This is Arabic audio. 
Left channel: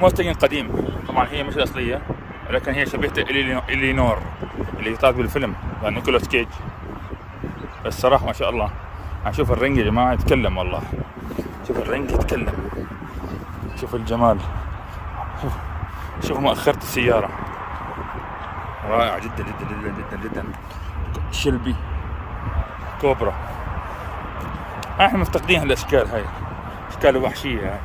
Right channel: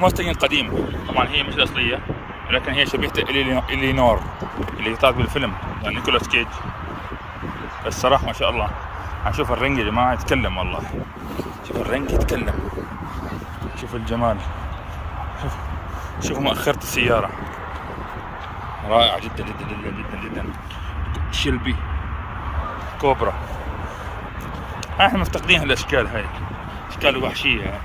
موستنج قديم طبعا، هي مش الأصلية ولكن هي شبيهة إلينور اللي طلعت بالفيلم يعني نيكولاس كيج. الصراحة ما شاء الله. هنشوف الرنج يا جماعة يتكلم والله. شوف الرنج يتكلم، شوف الجمال، شوف مؤخرة السيارة رائعة جدا جدا جدا جدا جدا. شيلبي كوبرا، احنا مفتقدين هالاشكال هاي، اشكال وحشية.